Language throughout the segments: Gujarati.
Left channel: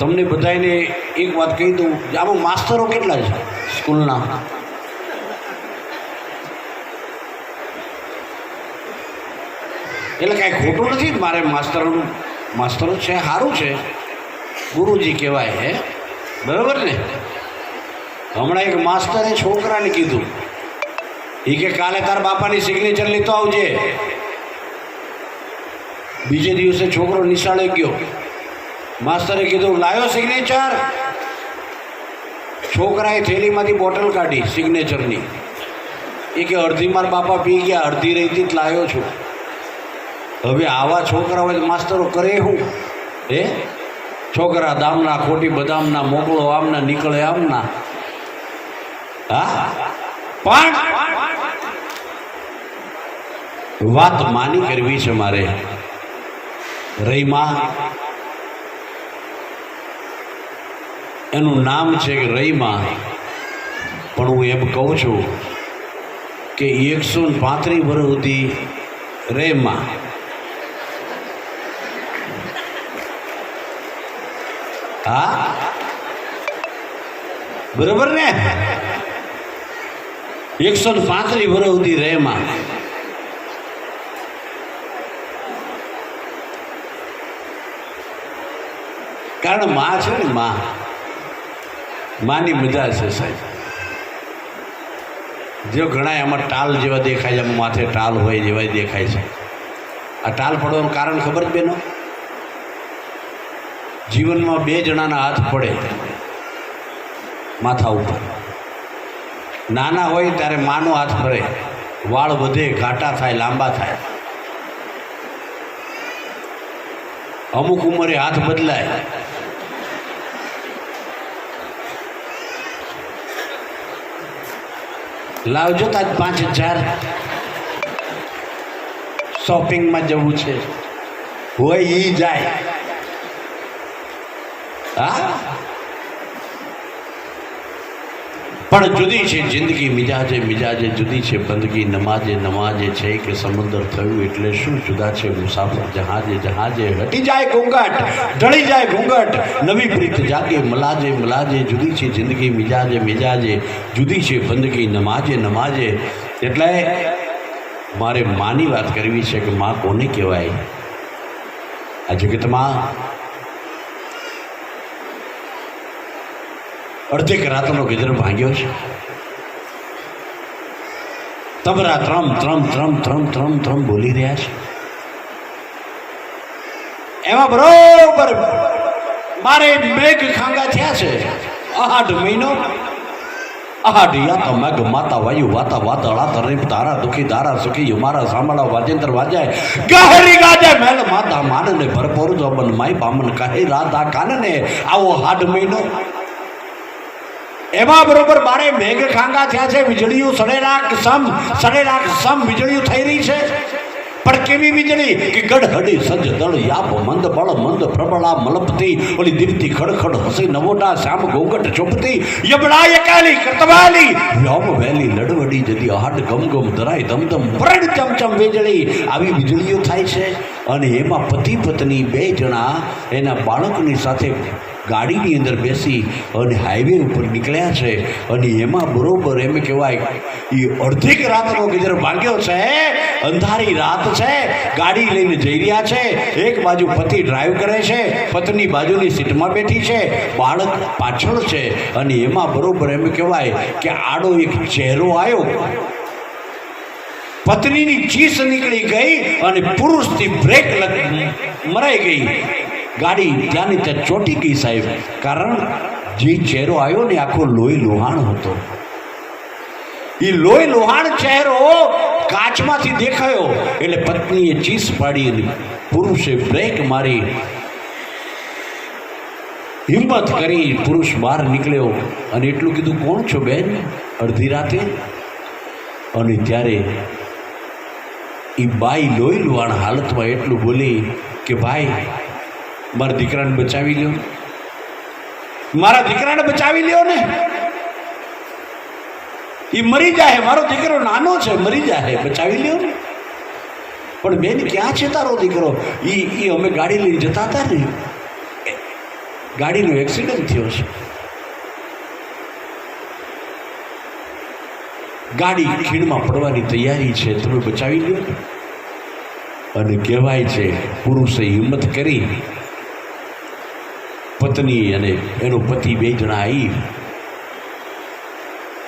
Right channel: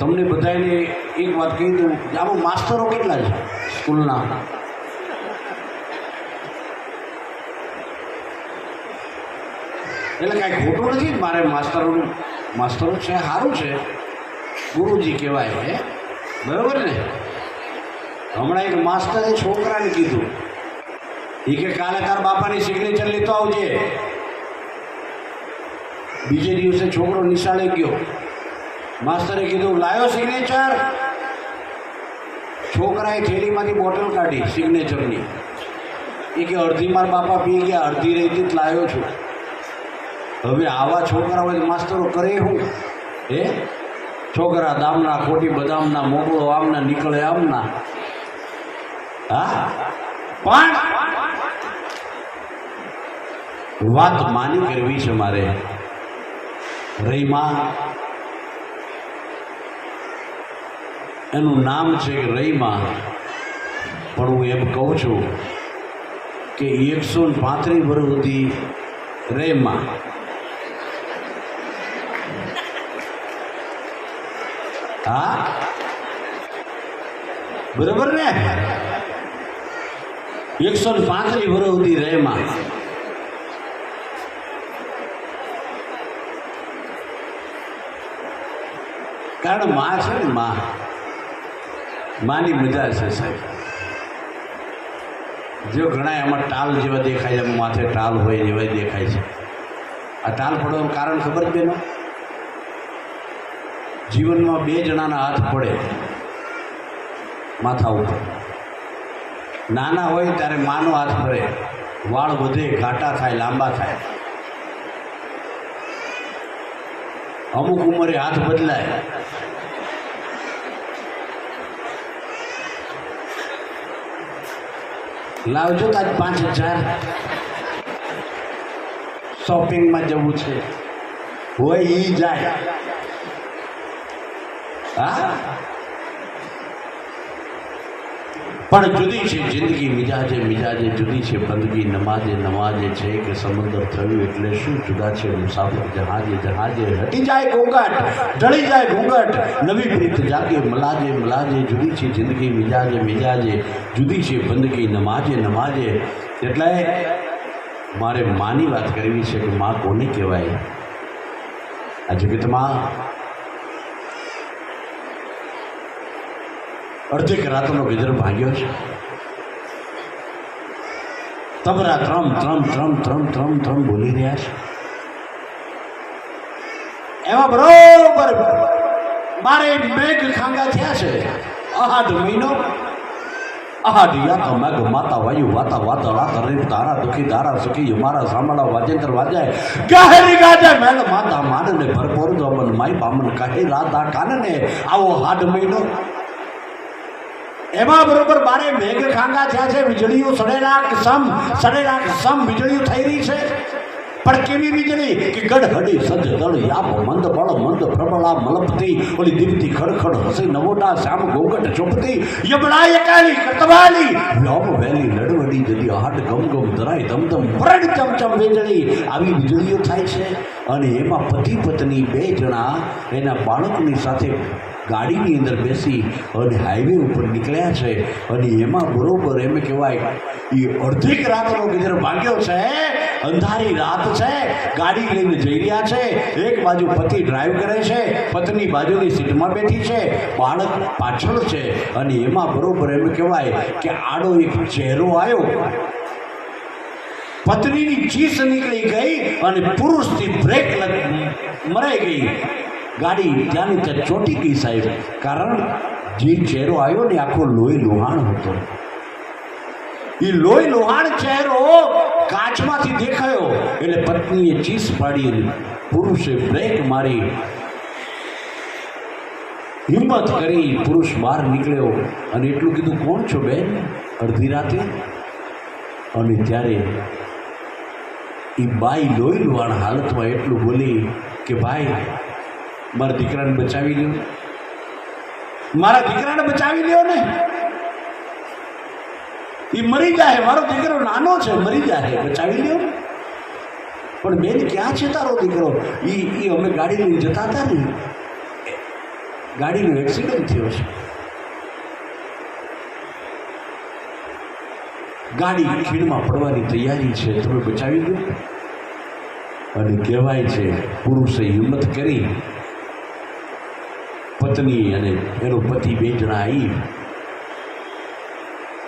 તમને બધાને એક વાત કહી દઉં, આમાં માસ્તરો કેટલા છે સ્કૂલના? એટલે કાંઈ ખોટું નથી મારે માસ્તરોનું, માસ્તરો છે સારું છે, ગુરુજી કહેવાય હે, બરાબર ને? હમણાં એક માસ્તરે છોકરાને કીધું, એ કે કાલે તારા બાપાની સિગ્નેચર લેતો આવજે. બીજે દિવસે છોકરો નિશાળે ગયો, માસ્તરે કીધું લાયો સિગ્નેચર. છોકરાએ થેલીમાંથી બોટલ કાઢી સિગ્નેચરની. એ કે અડધી મારા બાપા પી ગયા, અડધી રહી લાવ્યો છું. હવે આવા છોકરા હોય તો માસ્તરો કરે શું? હે છોકરા દામના ખોટી બદામના, મોકલો આમના નીકળે આમના. હા, પણ વાત માની કરવી છે મારે. રહીમાં એનું નામ છે કે રહીમાં, પણ હું એમ કહું છું કે 135 વર્ષ સુધી રેમાં. હા, બરોબર ને? 135 વર્ષ સુધી રેમાં. કારણ માં છે ને, માની મજા છે સાહેબ. જો ઘણા એમાં ટાલ જેવા દેખાય છે, માથે ટાલ હોય જેવા દેખાય છે. આ ટાલ પડવાનું કારણ ખબર જ બેનો? જીવનમાં 2 જણાના હાથ પડે માથા ઉપર. નાના હોય ત્યારે માનો હાથ પડે, વાળ વધે, ઘાટા થાય, લાંબા થાય. અમુક ઉંમરે હાથ બદલાય. લાવજો તાજ 5000 શોપિંગમાં જવું છે, હોય એ જાય. હા, પણ જુદી છે જિંદગી મિજાજે મિજાજે, જુદી છે બંદગી નમાજે નમાજે. છે કે સમુદ્ર થયું એટલે શું, જુદા છે મુસાફર જહાજે જહાજે. હટી જાય ઘોંઘાટ, ઢળી જાય ઘોંઘાટ, નવી પ્રીત જાગે મલાજે મલાજે. જુદી છે જિંદગી મિજાજે મિજાજે, જુદી છે બંદગી નમાજે નમાજે. એટલે મારે માની વાત કરવી છે કે માં કોને કહેવાય? આ જગતમાં અડધેક રાતનો ગીધર ભાંગ્યો છે. તબરા ત્રમ ત્રમ ત્રમ ત્રમ ત્રમ ત્રમ બોલી રહ્યા છે. એમાં બરોબર મારે મેઘ ખાંગા થયા છે. 8 મહિનો, 8 યા તો મેઘ માતા વાયુ વાતા વાદળા તરીફ તારા દુખી દારા સુખી મારા સાંભળા વાજેન્દ્ર વાજાય ગહેરી ગાજે મેલ માતા માનને ભરપૂર જોબન માય બામન કહે રાધા કાનને. આવો 8 મહિનો. એમાં બરોબર મારે મેઘ ખાંગા થયા છે. વીજળીઓ સડેરાક સમ વીજળીઓ થઈ રહી છે. પણ કેવી વીજળી કે ગઢહડી સજ દળ યાપ મંદ બળ મંદ પ્રબળા મલપતી. ઓલી દીપતી ખડખડ હસી નવોટા શ્યામ ઘોંઘટ ચોપતી. યબડા એકાલી કતવાલી વ્યોમ વેલી લડવડી જદી હાડ ગમ ગમ ધરાય ધમધમ ભરડ ચમચમ વીજળી. આવી વીજળીઓ થાય છે. અને એમાં પતિ પત્ની 2 જણા એના બાળકની સાથે ગાડીની અંદર બેસી અને હાઈવે ઉપર નીકળ્યા છે. અને એમાં બરોબર એમ કહેવાય એ અડધીક રાતનો ગીધર ભાગ્યો છે. અંધારી રાત છે, ગાડી લઈને જઈ રહ્યા છે. એક બાજુ પતિ ડ્રાઈવ કરે છે, પત્ની બાજુની સીટમાં બેઠી છે, બાળક પાછળ છે. અને એમાં બરોબર એમ કહેવાય કે આડો એક ચહેરો આવ્યો. પત્નીની ચીસ નીકળી ગઈ અને પુરુષથી બ્રેક મરાઈ ગઈ. ગાડી ત્યાંની ત્યાં ચોંટી ગઈ સાહેબ. કારણ જે ચહેરો આવ્યો ને આખો લોહી લોહાણ હતો. એ લોહી લોહાણ ચહેરો કાચમાંથી દેખાયો એટલે પત્નીએ ચીસ પાડી અને પુરુષે બ્રેક મારી. હિંમત કરી પુરુષ બહાર નીકળ્યો અને એટલું કીધું, કોણ છો બેન? અડધી રાતે. અને ત્યારે એ બાઈ લોહી લોહાણ હાલતમાં એટલું બોલી કે ભાઈ મારા દીકરાને બચાવી લ્યો, મારા દીકરાને બચાવી લ્યો ને. એ મરી જાય, મારો દીકરો નાનો છે, મરી જાય, બચાવી લ્યો ને. પણ બેન ક્યાં છે તારો દીકરો? એ અમે ગાડી લઈને જતા હતા ને ગાડીનો એક્સિડન્ટ થયો છે. ગાડી ખીણમાં પડવાની તૈયારી છે, તમે બચાવી લો. અને કહેવાય છે પુરુષે હિંમત કરી, પત્ની અને એનો પતિ બે જણા આવી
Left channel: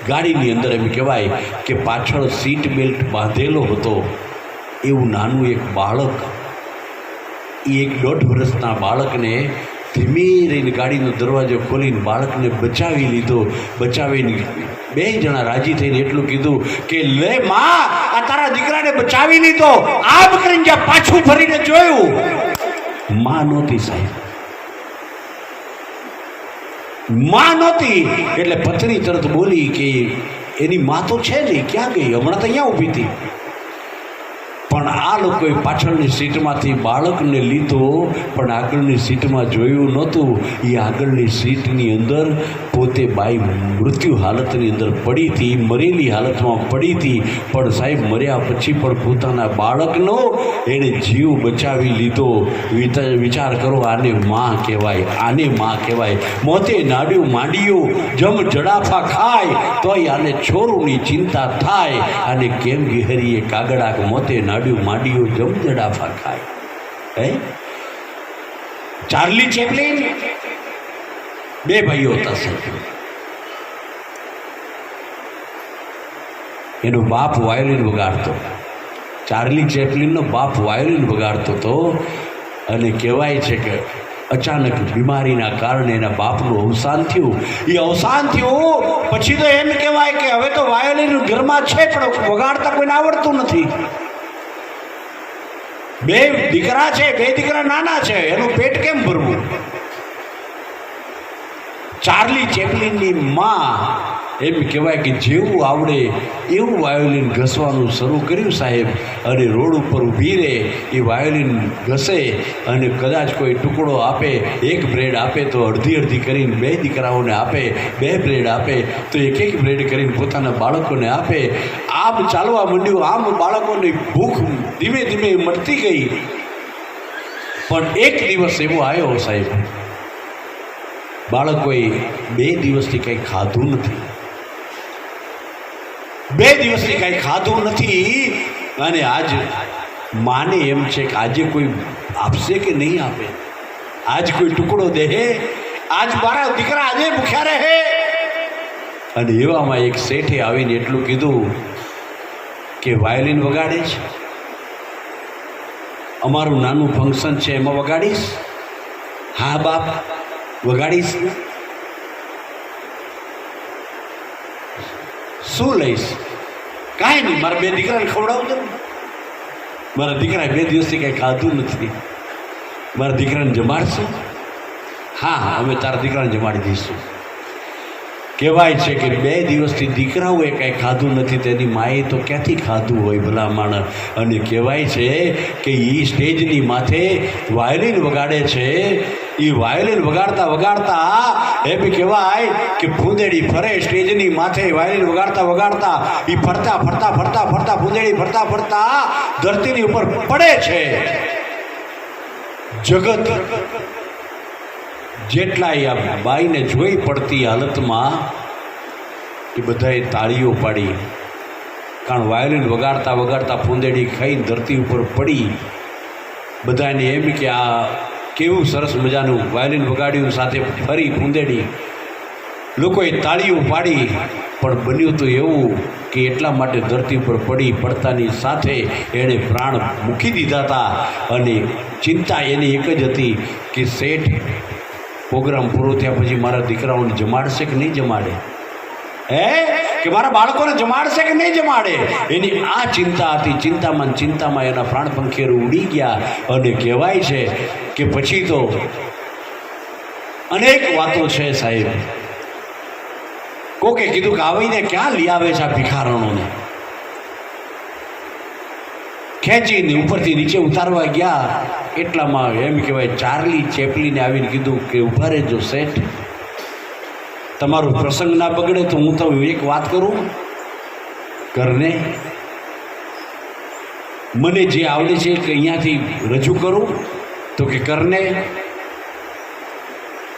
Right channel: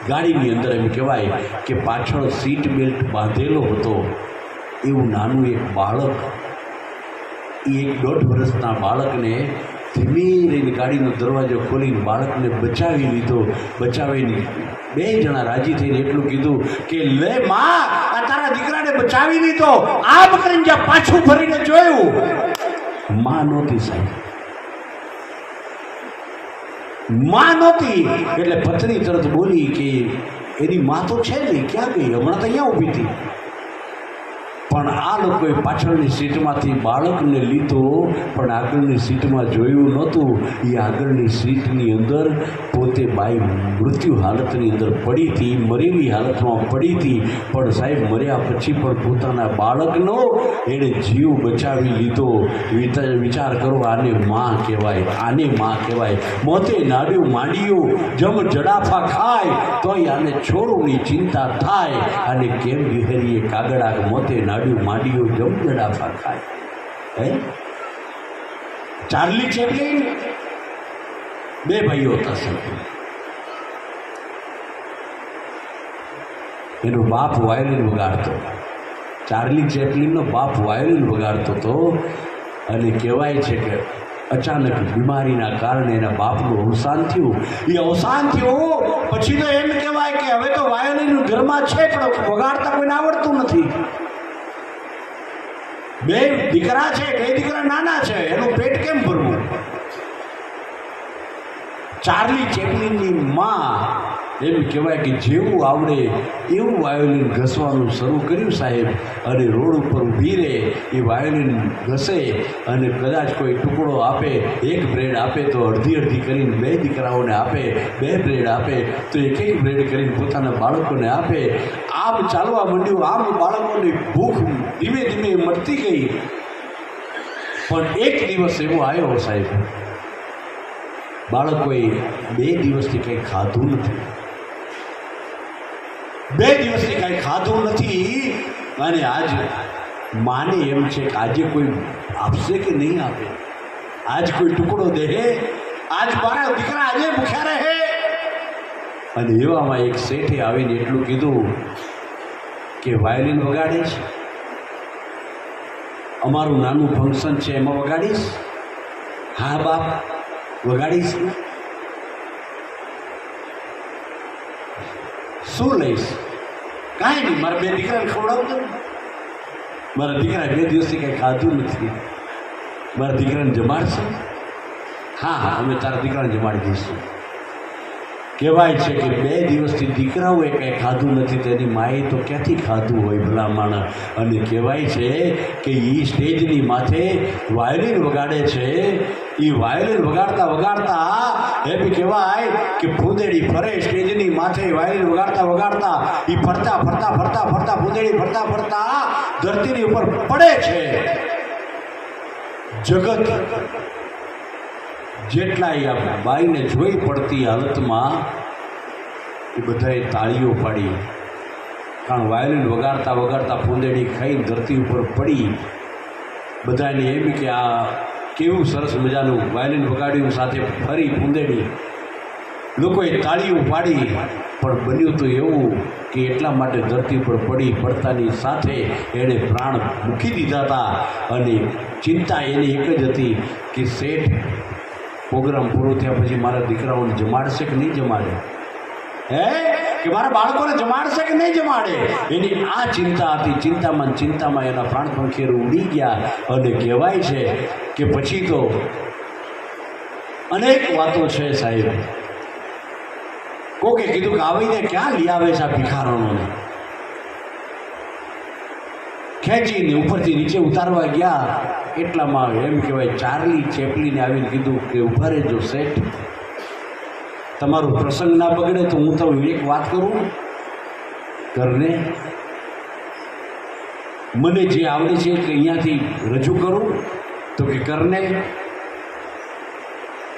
ગાડીની અંદર. એમ કહેવાય કે પાછળ સીટ બેલ્ટ બાંધેલો હતો એવું નાનું એક બાળક, એ 1.5 વર્ષના બાળકને ધીમે રહીને ગાડીનો દરવાજો ખોલીને બાળકને બચાવી લીધો. બચાવીને બે જણા રાજી થઈને એટલું કીધું કે લે માં, આ તારા દીકરાને બચાવી લીધો. આમ કરીને જ્યાં પાછું ફરીને જોયું, માં નહોતી સાહેબ, માં નહોતી. એટલે પત્ની તરત બોલી કે એની માં તો છે નહીં, ક્યાં ગઈ? હમણાં તો અહીંયા ઊભી હતી. પણ આ લોકોએ પાછળની સીટમાંથી બાળકને લીધો, પણ આગળની સીટમાં જોયું નહોતું. એ આગળની સીટની અંદર પોતે બાઈ મૃત્યુ હાલતની અંદર પડી હતી, મરેલી હાલતમાં પડી હતી. પણ સાહેબ મર્યા પછી પણ પોતાના બાળકનો એણે જીવ બચાવી લીધો. વિચાર કરો, આને માં કહેવાય, આને માં કહેવાય. મોતે નાડ્યું માંડ્યું, જમ જડાફા ખાય તોય આને છોરુની ચિંતા થાય. અને કેમ ગહેરીએ કાગડા મોતે નાડ્યું માંડ્યું, જમ જડાફા ખાય. હે, ચાર્લી ચેપ્લિન બે ભાઈઓ હતા સાહેબ. એનો બાપ વાયોલિન વગાડતો, ચાર્લી ચેપ્લિનનો બાપ વાયોલિન વગાડતો હતો. અને કહેવાય છે કે અચાનક બીમારીના કારણે એના બાપનું અવસાન થયું. એ અવસાન થયું પછી તો એમ કહેવાય કે હવે તો વાયોલિન ઘરમાં છે પણ વગાડતા કોઈને આવડતું નથી. બે દીકરા છે, બે દીકરા નાના છે, એનું પેટ કેમ ભરવું? ચાર્લી ચેપ્લિનની માં એમ કહેવાય કે જેવું આવડે એવું વાયોલિન ઘસવાનું શરૂ કર્યું સાહેબ. અને રોડ ઉપર ઊભી રહે, એ વાયોલિન ઘસે અને કદાચ કોઈ ટુકડો આપે, એક બ્રેડ આપે તો અડધી અડધી કરીને બે દીકરાઓને આપે, બે બ્રેડ આપે તો એક એક બ્રેડ કરીને પોતાના બાળકોને આપે. આમ ચાલવા માંડ્યું. આમ બાળકોની ભૂખ ધીમે ધીમે મળતી ગઈ. પણ એક દિવસ એવો આવ્યો સાહેબ, બાળકોએ 2 દિવસથી કંઈ ખાધું નથી, 2 દિવસથી કંઈ ખાધું નથી. અને આજ માને એમ છે કે આજે કોઈ આપશે કે નહીં આપે, આજ કોઈ ટુકડો દે, આજ મારા દીકરા આજે ભૂખ્યા રહે. અને એવામાં એક શેઠે આવીને એટલું કીધું કે વાયોલિન વગાડે છે, અમારું નાનું ફંક્શન છે એમાં વગાડીશ? હા બાપ વગાડીશ. શું લઈશ? કાંઈ નહીં, મારા 2 દીકરાને ખવડાવજો. મારા દીકરા 2 દિવસથી કંઈ ખાધું નથી, મારા દીકરાને જમાડશે? હા હા, અમે તારા દીકરાને જમાડી દઈશું. કહેવાય છે કે 2 દિવસથી દીકરાઓએ કંઈ ખાધું નથી, તેની માએ તો ક્યાંથી ખાધું હોય ભલા માણસ. અને કહેવાય છે કે એ સ્ટેજની માથે વાયોલિન વગાડે છે. એ વાયોલિન વગાડતા વગાડતા એમ કહેવાય કે ફૂંદેડી ફરે સ્ટેજની માથે. વાયોલિન વગાડતા વગાડતા એ ફરતા ફરતા ફરતા ફરતા ફૂંદેડી ફરતા ફરતા ધરતીની ઉપર પડે છે. જગત જેટલા આ બાઈને જોઈ પડતી હાલતમાં એ બધાએ તાળીઓ પાડી. કારણ વાયોલિન વગાડતા વગાડતા ફૂંદેડી ખાઈને ધરતી ઉપર પડી. બધાને એમ કે આ કેવું સરસ મજાનું વાયોલિન વગાડ્યું, સાથે ફરી ફૂંદેડી. લોકોએ તાળીઓ પાડી. પણ બન્યું તો એવું કે એટલા માટે ધરતી ઉપર પડી પડતાની સાથે એણે પ્રાણ મૂકી દીધા હતા. અને ચિંતા એની એક જ હતી કે શેઠ પ્રોગ્રામ પૂરો થયા પછી મારા દીકરાઓને જમાડશે કે નહીં જમાડે, હે, કે મારા બાળકોને જમાડશે કે નહીં જમાડે, એની આ ચિંતા હતી. ચિંતામાં એના પ્રાણ પંખેરું ઉડી ગયા. અને કહેવાય છે કે પછી તો અનેક વાતો છે સાહેબ. કોકે કીધું કે આવીને ક્યાં લઈ આવે છે આ ભિખારણોને, ખેંચીને ઉપરથી નીચે ઉતારવા ગયા. એટલામાં એમ કહેવાય ચાર્લી ચેપ્લિને આવીને કીધું કે ઊભા રહેજો શેઠ, તમારો પ્રસંગ ના બગડે તો હું તમને એક વાત કરું, કરને મને જે આવડે છે કે અહીંયાથી રજૂ કરું. તો કે કરને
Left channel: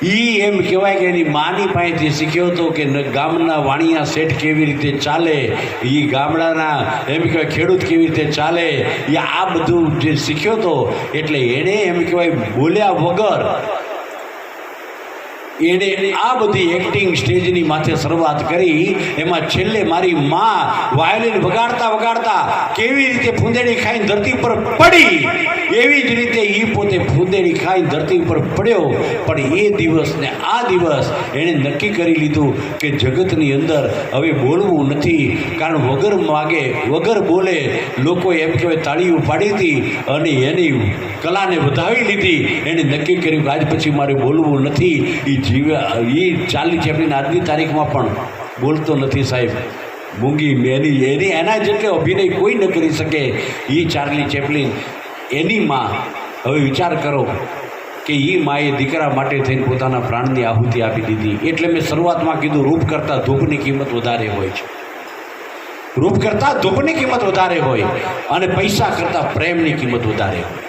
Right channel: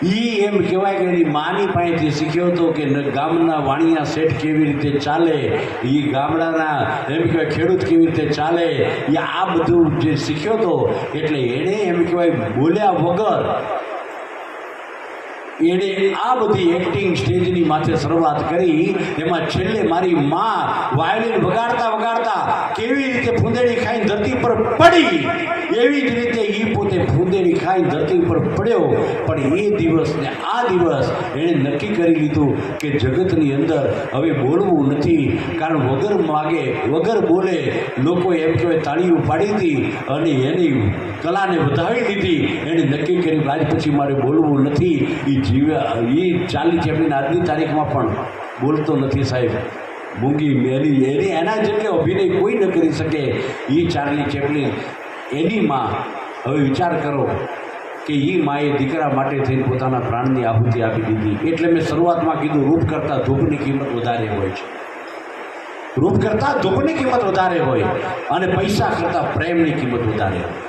એમ કહેવાય કે એની માની પાસેથી શીખ્યો હતો કે ગામના વાણિયા શેઠ કેવી રીતે ચાલે, એ ગામડાના એમ કહેવાય ખેડૂત કેવી રીતે ચાલે, એ આ બધું જે શીખ્યો હતો. એટલે એણે એમ કહેવાય બોલ્યા વગર એણે આ બધી એક્ટિંગ સ્ટેજની માથે શરૂઆત કરી. એમાં છેલ્લે મારી માં વાયોલિન વગાડતા વગાડતા કેવી રીતે ફૂંદેડી ખાઈને ધરતી પર પડી, એવી જ રીતે એ પોતે ફૂંદેડી ખાઈને ધરતી ઉપર પડ્યો. પણ એ દિવસ ને આ દિવસ એણે નક્કી કરી લીધું કે જગતની અંદર હવે બોલવું નથી. કારણ વગર માગે વગર બોલે લોકોએ એમ કહેવાય તાળીઓ પાડી હતી અને એની કલાને વધાવી લીધી. એણે નક્કી કર્યું કે આજ પછી મારે બોલવું નથી. એ ચાર્લી ચેપ્લિન આજની તારીખમાં પણ બોલતો નથી સાહેબ. મૂંગી એના જેટલો અભિનય કોઈ ન કરી શકે એ ચાર્લી ચેપ્લિન. એની માં હવે વિચાર કરો કે એ માએ દીકરા માટે થઈને પોતાના પ્રાણની આહુતિ આપી દીધી. એટલે મેં શરૂઆતમાં કીધું રૂપ કરતાં ધૂપની કિંમત વધારે હોય છે. રૂપ કરતાં ધૂપની કિંમત વધારે હોય અને પૈસા કરતાં પ્રેમની કિંમત વધારે હોય.